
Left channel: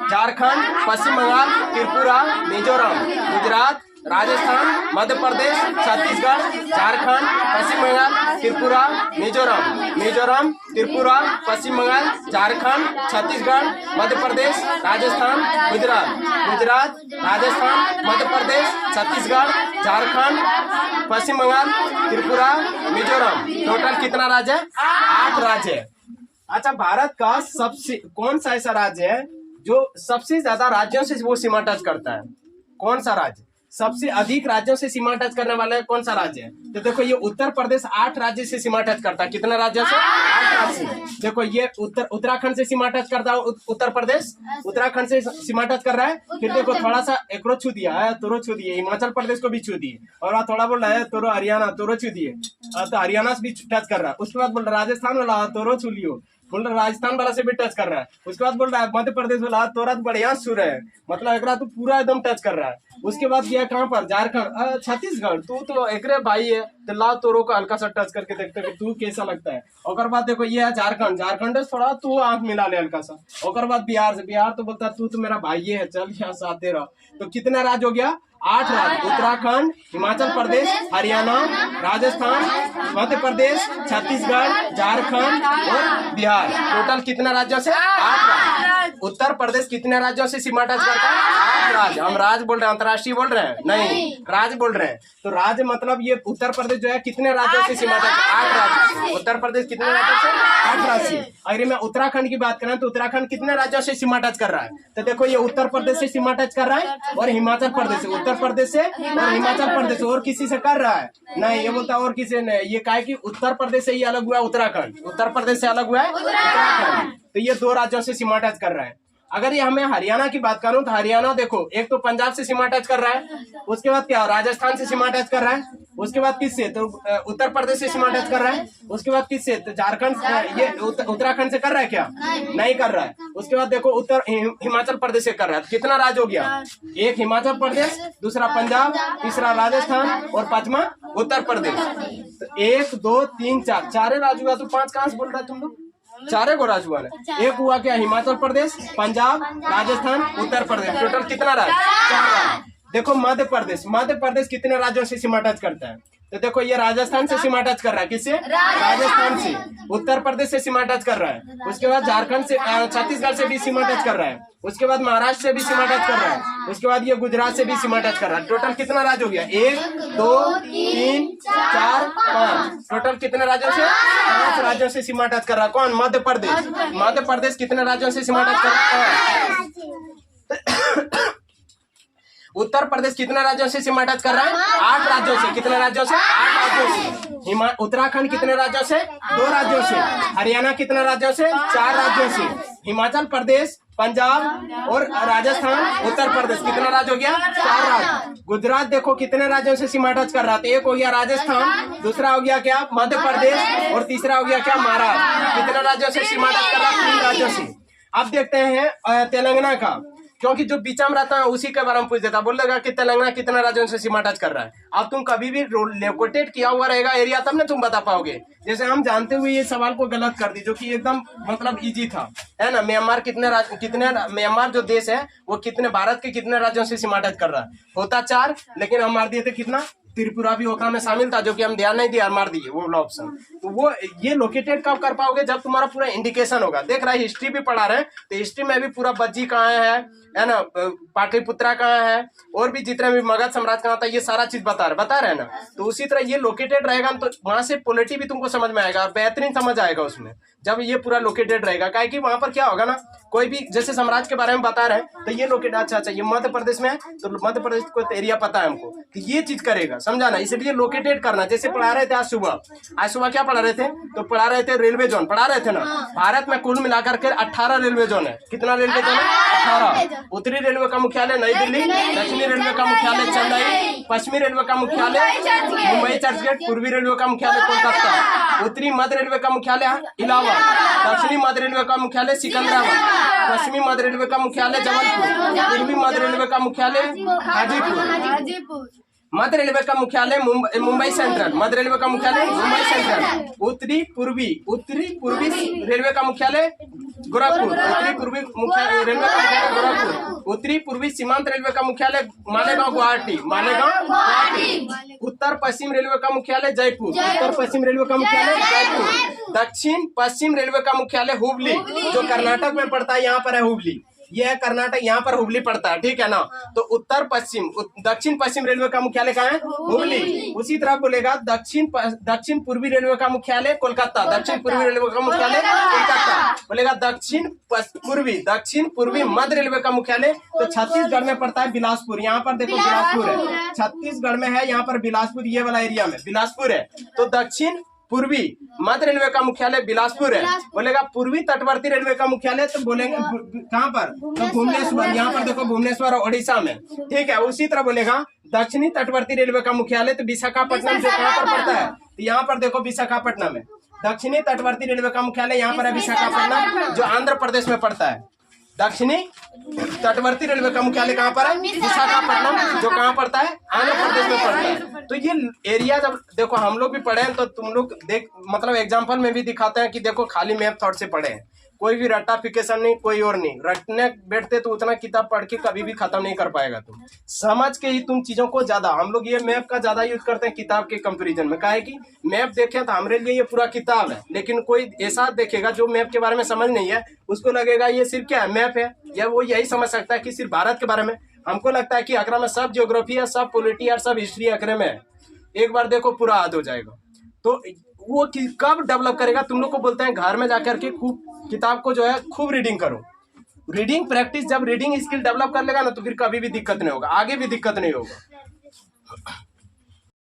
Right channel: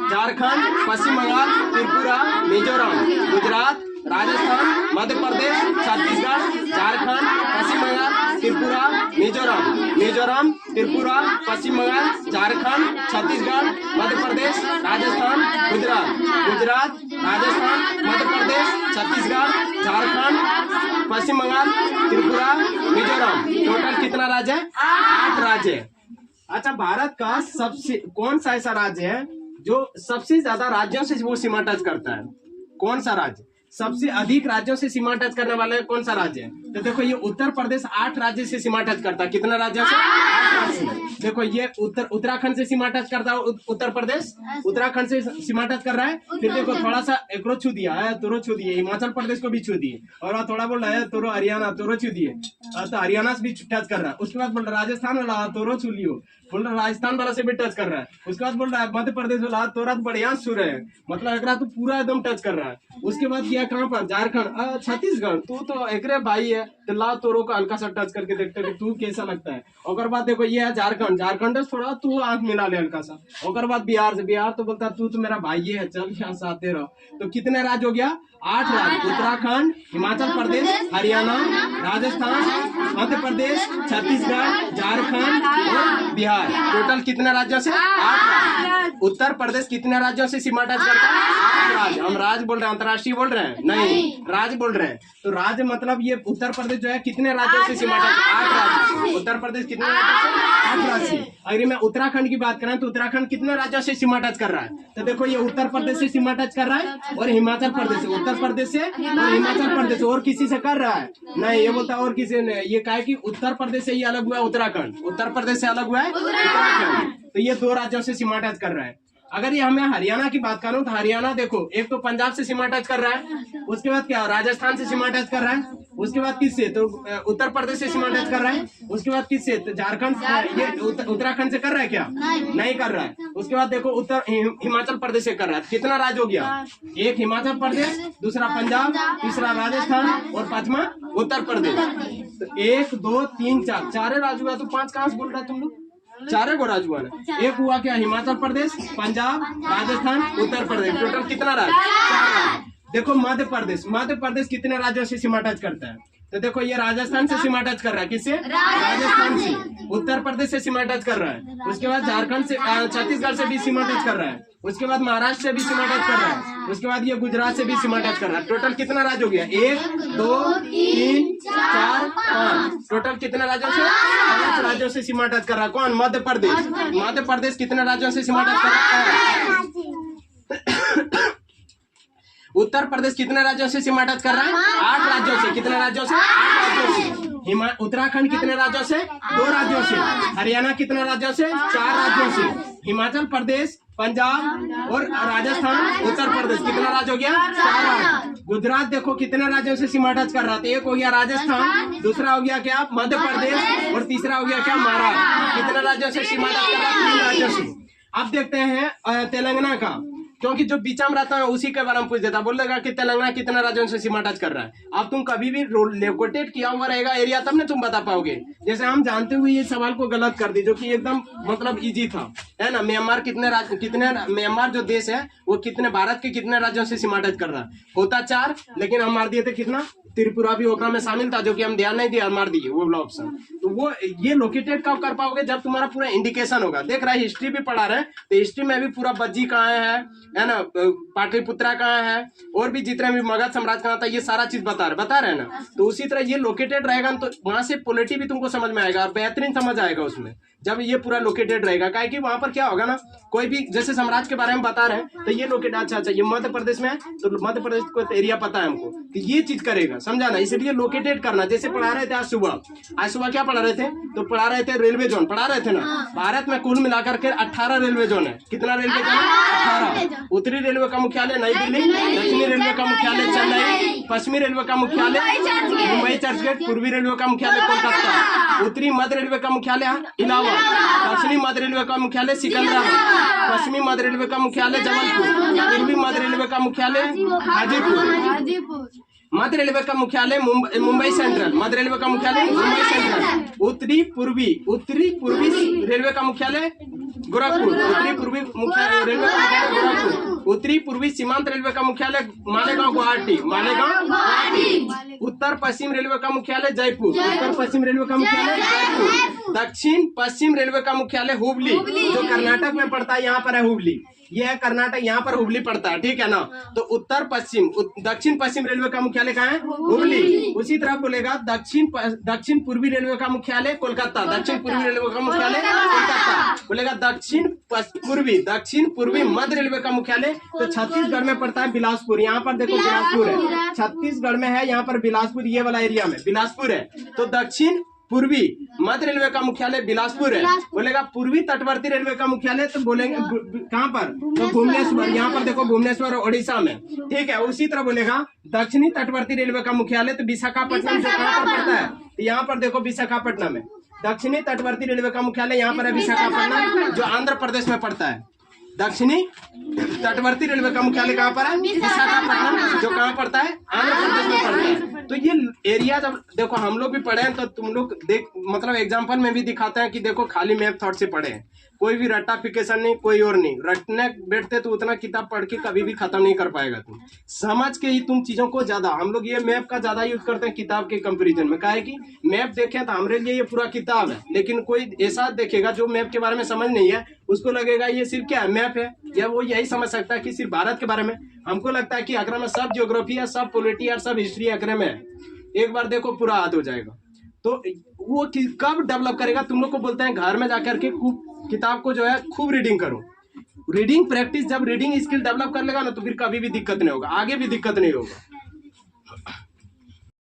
झारखंड, पश्चिम बंगाल, त्रिपुरा, मिजोरम। गुजरात, राजस्थान, मध्य प्रदेश, छत्तीसगढ़, झारखंड, पश्चिम बंगाल, त्रिपुरा, मिजोरम। मिजोरम, त्रिपुरा, पश्चिम बंगाल, झारखंड, छत्तीसगढ़, मध्य प्रदेश, राजस्थान, गुजरात। गुजरात, राजस्थान, मध्य प्रदेश, छत्तीसगढ़, झारखंड, पश्चिम बंगाल, त्रिपुरा, मिजोरम। टोटल कितना राज्य है? 8 राज्य है। अच्छा, भारत का सबसे कौन सा ऐसा राज्य है जो सबसे ज्यादा राज्यों से वो सीमा टच करता है? कौन सा राज्य सबसे अधिक राज्यों से सीमा टच करने वाले है? कौन सा राज्य है? तो देखो ये उत्तर प्रदेश 8 राज्य से सीमा टच करता है। कितना राज्यों से? 8 राज्य। देखो ये उत्तराखंड से सीमा टच करता है। उत्तर प्रदेश उत्तराखंड से सीमा टच कर रहा है। फिर देखो थोड़ा सा एकरो छू दिया है, तोरो छू दिए, हिमाचल प्रदेश को भी छू दिए, और थोड़ा बोल रहा है तोरो हरियाणा, तोरो छू दिए, तो हरियाणा से भी टच कर रहा है। उसके बाद बोल रहा है राजस्थान वाला तोरो छू लियो, बोल रहा राजस्थान वाला से भी टच कर रहा है। उसके बाद बोल रहा है मध्य प्रदेश वाला तोरा बढ़िया सुर है, मतलब एक तो पूरा एकदम टच कर रहा है। उसके बाद गया कहाँ पर? झारखंड, छत्तीसगढ़, तू तो एक भाई है, तो ला तोरो को हल्का सा टच करके देखते कि तू कैसा लगता है। और बाद देखो ये है झारखंड, झारखंड थोड़ा तू आंख मिला ले हल्का सा। और बाद बिहार से, बिहार तो बोलता तू तो मेरा भाई है, चल यहाँ साथे रहो। तो कितना राज्य हो गया? 8 राज्य। उत्तराखंड, हिमाचल प्रदेश, हरियाणा, राजस्थान, मध्य प्रदेश, छत्तीसगढ़, झारखंड और बिहार। टोटल कितने राज्यों से? 8 राज्य। उत्तर प्रदेश कितने राज्यों से सीमा टच करता है? 8 राज्य। हम राज्य बोल रहे हैं, अंतर्राष्ट्रीय बोल रहे हैं? नहीं, राज्य बोल रहे हैं। तो राज्य मतलब ये उत्तर प्रदेश जो है कितने राज्यों से सीमा टच? 8 राज्य। उत्तर प्रदेश कितने राज्यों से? 8 राज्य। अगर मैं उत्तराखंड की बात करें तो उत्तराखंड कितने राज्यों से सीमा टच कर रहा है? तो देखो ये उत्तर प्रदेश से सीमा टच कर रहा है और हिमाचल प्रदेश से, उत्तर प्रदेश से और हिमाचल प्रदेश से, और किसी से कर रहा है? नहीं, ये बोलता और किसी ने। ये कहा कि उत्तर प्रदेश से ही अलग हुआ है उत्तराखंड, उत्तर प्रदेश से अलग हुआ है उत्तराखंड। तो ये 2 राज्यों से सीमा टच कर रहा है। अगर ये हमें हरियाणा की बात करूं तो हरियाणा देखो एक तो पंजाब से सीमा टच कर रहा है, उसके बाद क्या राजस्थान से सीमा टच कर रहा है, उसके बाद किससे? तो उत्तर प्रदेश से सीमा टच कर रहा है, उसके बाद किससे? तो झारखंड, ये उत्तराखंड से कर रहा है क्या? नहीं कर रहा है। उसके बाद देखो हिमाचल प्रदेश से कर रहा है। कितना राज्य हो गया? एक हिमाचल प्रदेश, दूसरा पंजाब, तीसरा राजस्थान और 5वां उत्तर प्रदेश। तो 1 2 3 4 चारे राज्य हुआ। तो 5 कहाँ से बोल रहा है तुम लोग? 4 को राज्य हुआ ना। एक हुआ क्या? हिमाचल प्रदेश, पंजाब, राजस्थान, उत्तर प्रदेश। टोटल कितना राज्य? 4 राज्य। देखो मध्य प्रदेश, मध्य प्रदेश कितने राज्यों से सीमा टच करता है? तो देखो ये राजस्थान से सीमा टच कर रहा है। किससे? राजस्थान से। उत्तर प्रदेश से सीमा टच कर रहा है। उसके बाद झारखंड से, छत्तीसगढ़ से भी सीमा टच कर रहा है। उसके बाद महाराष्ट्र से भी सीमा टच कर रहा है। उसके बाद ये गुजरात से भी सीमा टच कर रहा है। टोटल कितना राज्य हो गया? 1 2 3 4 5। टोटल कितने राज्यों से? 5 राज्यों से सीमा टच कर रहा है। कौन? मध्य प्रदेश। मध्य प्रदेश कितने राज्यों से सीमा टच कर रहा है? उत्तर प्रदेश कितने राज्यों से सीमा टच कर रहा है? 8 राज्यों से। कितने राज्यों से? 8 राज्यों से। उत्तराखंड कितने राज्यों से? 2 राज्यों से। हरियाणा कितने राज्यों से? 4 राज्यों से। हिमाचल प्रदेश, पंजाब और राजस्थान, उत्तर प्रदेश। कितने राज्य हो गया? 4 राज्य। गुजरात देखो कितने राज्यों से सीमा टच कर रहा था? एक हो गया राजस्थान, दूसरा हो गया क्या? मध्य प्रदेश और तीसरा हो गया क्या? महाराष्ट्र। कितने राज्यों से सीमा टच कर रहा है? 3 राज्यों से। अब देखते हैं तेलंगाना का, क्योंकि जो बीच में रहता है उसी के बारे में पूछ देता, बोलेगा कि तेलंगाना कितना राज्यों से सीमा टच कर रहा है। अब तुम कभी भी लोकेटेड किया हुआ रहेगा एरिया तब ना तुम बता पाओगे। जैसे हम जानते हुए ये सवाल को गलत कर दी, जो कि एकदम मतलब इजी था, है ना। म्यांमार म्यांमार जो देश है वो कितने भारत के कितने राज्यों से सीमा टच कर रहा है, होता 4, लेकिन हम मार दिए थे कितना, त्रिपुरा भी ओकरा में शामिल था, जो कि हम ध्यान नहीं दिया, मार दिए वो ऑप्शन। तो वो ये लोकेटेड कब कर पाओगे, जब तुम्हारा पूरा इंडिकेशन होगा। देख रहा है हिस्ट्री भी पढ़ा रहे हैं, तो हिस्ट्री में भी पूरा बज्जी कहाँ है ना, पाटलिपुत्रा कहाँ है, और भी जितने भी मगध साम्राज्य कहाँ था, ये सारा चीज बता रहे हैं ना। तो उसी तरह ये लोकेटेड रहेगा तो वहां से पॉलिटी भी तुमको समझ में आएगा और बेहतरीन समझ आएगा उसमें, जब ये पूरा लोकेटेड रहेगा। क्या है कि वहां पर क्या होगा ना, कोई भी जैसे साम्राज्य के बारे में बता रहे हैं तो ये लोकेटेड, अच्छा ये मध्य प्रदेश में है तो मध्य प्रदेश को एरिया पता है हमको, तो ये चीज करेगा, समझा ना। इसलिए लोकेटेड करना। जैसे पढ़ा रहे थे आज सुबह क्या पढ़ा रहे थे, तो पढ़ा रहे थे रेलवे जोन पढ़ा रहे थे ना। भारत में कुल मिलाकर के 18 रेलवे जोन है। कितना रेलवे जोन है? 18। उत्तरी रेलवे का मुख्यालय नई दिल्ली, दक्षिणी रेलवे का मुख्यालय चेन्नई, पश्चिमी रेलवे का मुख्यालय मुंबई चर्चगेट, पूर्वी रेलवे का मुख्यालय कोलकाता, उत्तरी मध्य रेलवे का मुख्यालय इलाहाबाद, दक्षिणी मध्य रेलवे का मुख्यालय सिकंदराबाद, पश्चिमी मध्य रेलवे का मुख्यालय जबलपुर, पूर्वी मध्य रेलवे का मुख्यालय हाजीपुर, मध्य रेलवे का मुख्यालय मुंबई सेंट्रल, मध्य रेलवे का मुख्यालय मुंबई सेंट्रल, उत्तरी पूर्वी रेलवे का मुख्यालय गोरखपुर, उत्तरी पूर्वी रेलवे का मुख्यालय गोरखपुर, उत्तरी पूर्वी सीमांत रेलवे का मुख्यालय मालेगांव गुवाहाटी, उत्तर पश्चिम रेलवे का मुख्यालय जयपुर, उत्तर पश्चिम रेलवे का मुख्यालय जयपुर, दक्षिण पश्चिम रेलवे का मुख्यालय हुबली, जो कर्नाटक में पड़ता है, यहाँ पर है हुबली, ये है कर्नाटक, यहाँ पर हुबली पड़ता है, ठीक है ना। तो दक्षिण पश्चिम रेलवे का मुख्यालय कहाँ है? हुबली। उसी तरह बोलेगा दक्षिण पूर्वी रेलवे का मुख्यालय कोलकाता, दक्षिण पूर्वी रेलवे का मुख्यालय कोलकाता, बोलेगा दक्षिण पूर्वी मध्य रेलवे का मुख्यालय तो छत्तीसगढ़ में पड़ता है बिलासपुर। यहाँ पर देखो बिलासपुर है, छत्तीसगढ़ में है, यहाँ पर बिलासपुर, ये वाला एरिया में बिलासपुर है। तो दक्षिण पूर्वी मध्य रेलवे का मुख्यालय बिलासपुर है। बोलेगा पूर्वी तटवर्ती रेलवे का मुख्यालय, तो बोलेंगे कहाँ पर? तो भुवनेश्वर। यहाँ पर देखो भुवनेश्वर ओडिशा में, ठीक है। उसी तरह बोलेगा दक्षिणी तटवर्ती रेलवे का मुख्यालय तो विशाखापट्टनम, जो कहाँ पर पड़ता है, तो यहाँ पर देखो विशाखापट्टनम है। दक्षिणी तटवर्ती रेलवे का मुख्यालय यहाँ पर है विशाखापट्टनम, जो आंध्र प्रदेश में पड़ता है। दक्षिणी तटवर्ती रेलवे का मुख्यालय कहाँ पर है? विशाखापट्टनम, जो कहाँ पड़ता है? आंध्र प्रदेश में पड़ता है। तो ये एरिया जब देखो हम लोग भी पढ़े हैं तो तुम लोग देख, मतलब एग्जांपल में भी दिखाते हैं कि देखो खाली मैप थॉट से पढ़े हैं, कोई भी रट्टाफिकेशन नहीं, कोई और नहीं। रटने बैठते तो उतना किताब पढ़ के कभी भी खत्म नहीं कर पाएगा तुम, समझ के ही तुम चीजों को ज्यादा। हम लोग ये मैप का ज्यादा यूज करते हैं किताब के कंपैरिजन में। क्या है कि मैप देखें तो हमारे लिए ये पूरा किताब है, लेकिन कोई ऐसा देखेगा जो मैप के बारे में समझ नहीं है, उसको लगेगा ये सिर्फ क्या है, मैप है, या वो यही समझ सकता है कि सिर्फ भारत के बारे में। हमको लगता है कि अकरा में सब ज्योग्राफी है, सब पॉलिटी और सब हिस्ट्री अकरे में है। एक बार देखो पूरा याद हो जाएगा। तो वो कब डेवलप करेगा? तुम लोग को बोलते हैं घर में जाकर के खूब किताब को जो है खूब रीडिंग करो। रीडिंग प्रैक्टिस, जब रीडिंग स्किल डेवलप कर लेगा ना तो फिर कभी भी दिक्कत नहीं होगा, आगे भी दिक्कत नहीं होगा।